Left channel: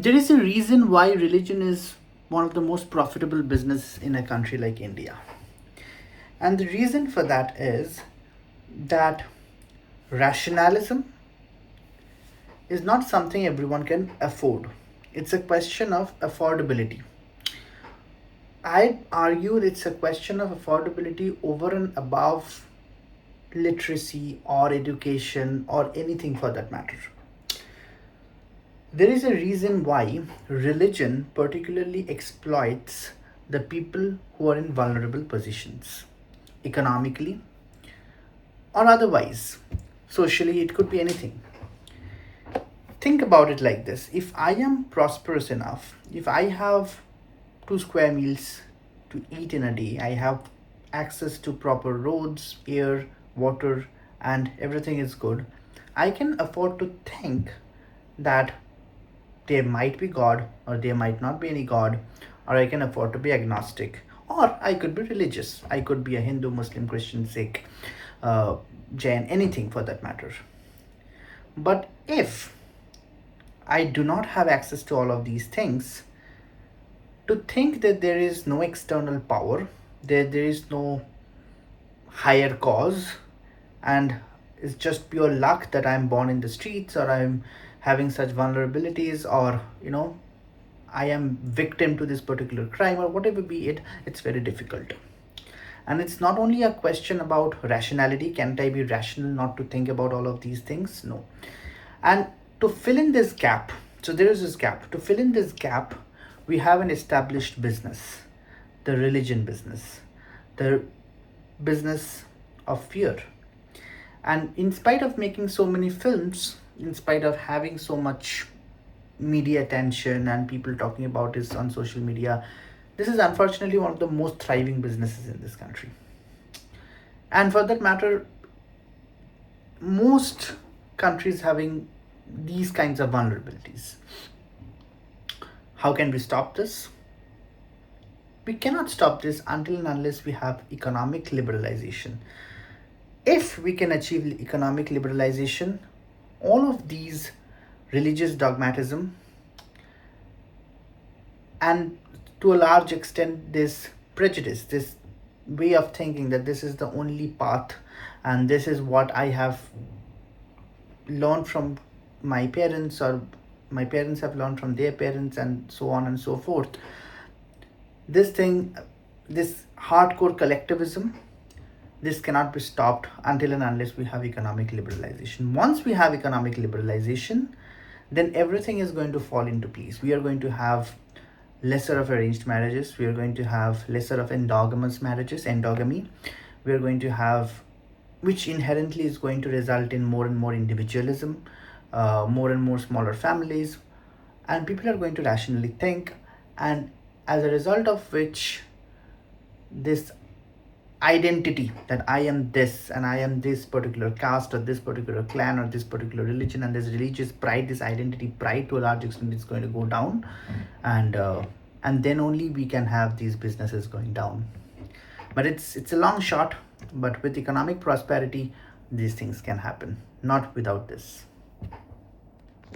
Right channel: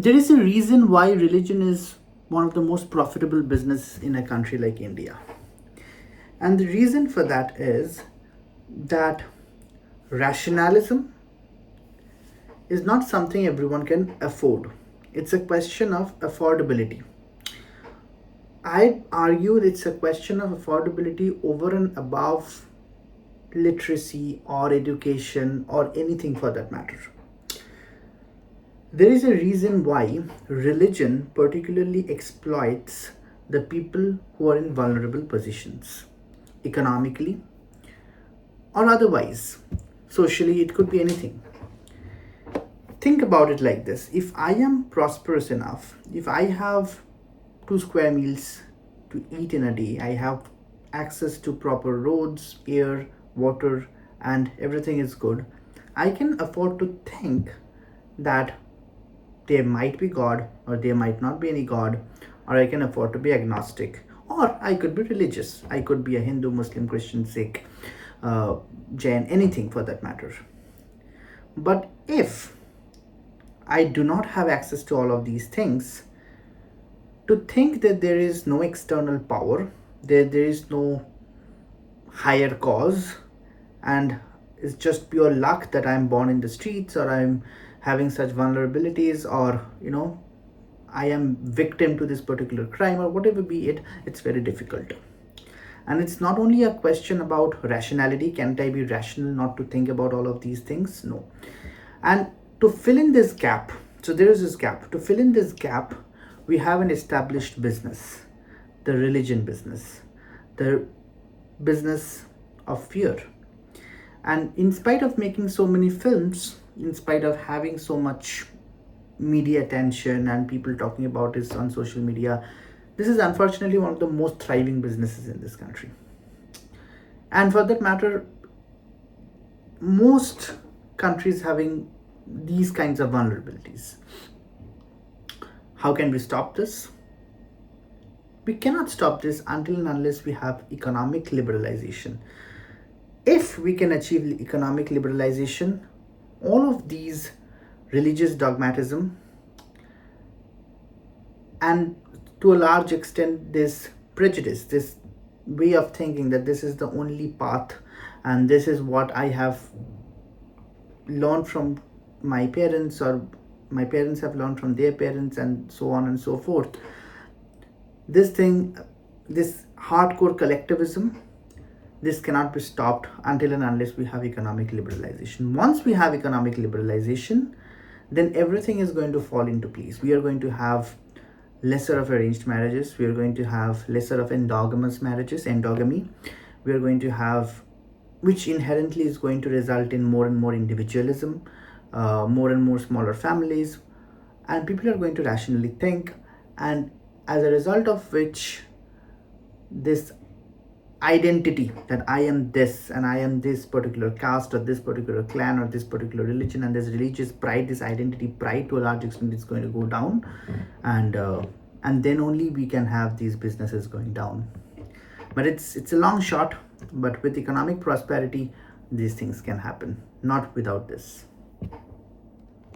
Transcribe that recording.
There is a reason why religion is one of the most profitable business in a country like India. And the reason for that is that rationalism is not something everyone can afford. It's a question of affordability. I'd argue it's a question of affordability over and above literacy or education or anything for that matter. There is a reason why religion particularly exploits the people who are in vulnerable positions, economically or otherwise. Socially, it could be anything. Think about it like this: if I am prosperous enough, if I have 2 square meals to eat in a day, I have access to proper roads, air, water, and everything is good, I can afford to think that there might be God or there might not be any God, or I can afford to be agnostic, or I could be religious. I could be a Hindu, Muslim, Christian, Sikh, Jain, anything for that matter. But if I do not have access to all of these things, to think that there is no external power, there is no higher cause, and it's just pure luck that I'm born in the streets, or I'm having such vulnerabilities, or I am victim to this particular crime, or whatever be it, it's very difficult. And it's not only a question about rationality. Can't I be rational not to think about all of these things? No. And to fill in this gap, so there is this gap. To fill in this gap, we have an established business, the religion business, the business of fear. And in spite of making so many films, in spite of having so much media attention and people talking about this on social media, this is unfortunately one of the most thriving businesses in this country. And for that matter, most countries having these kinds of vulnerabilities. How can we stop this? We cannot stop this until and unless we have economic liberalization. If we can achieve economic liberalization, all of these religious dogmatism, and to a large extent this prejudice, this way of thinking that this is the only path and this is what I have learned from my parents, or my parents have learned from their parents, and so on and so forth. This thing, this hardcore collectivism, this cannot be stopped until and unless we have economic liberalization. Once we have economic liberalization, then everything is going to fall into place. We are going to have lesser of arranged marriages. We are going to have lesser of endogamous marriages, endogamy. We are going to have, which inherently is going to result in more and more individualism, more and more smaller families, and people are going to rationally think, and as a result of which, this identity that I am this and I am this particular caste or this particular clan or this particular religion, and this religious pride, this identity pride to a large extent is going to go down, and then only we can have these businesses going down. But it's a long shot, but with economic prosperity these things can happen, not without this.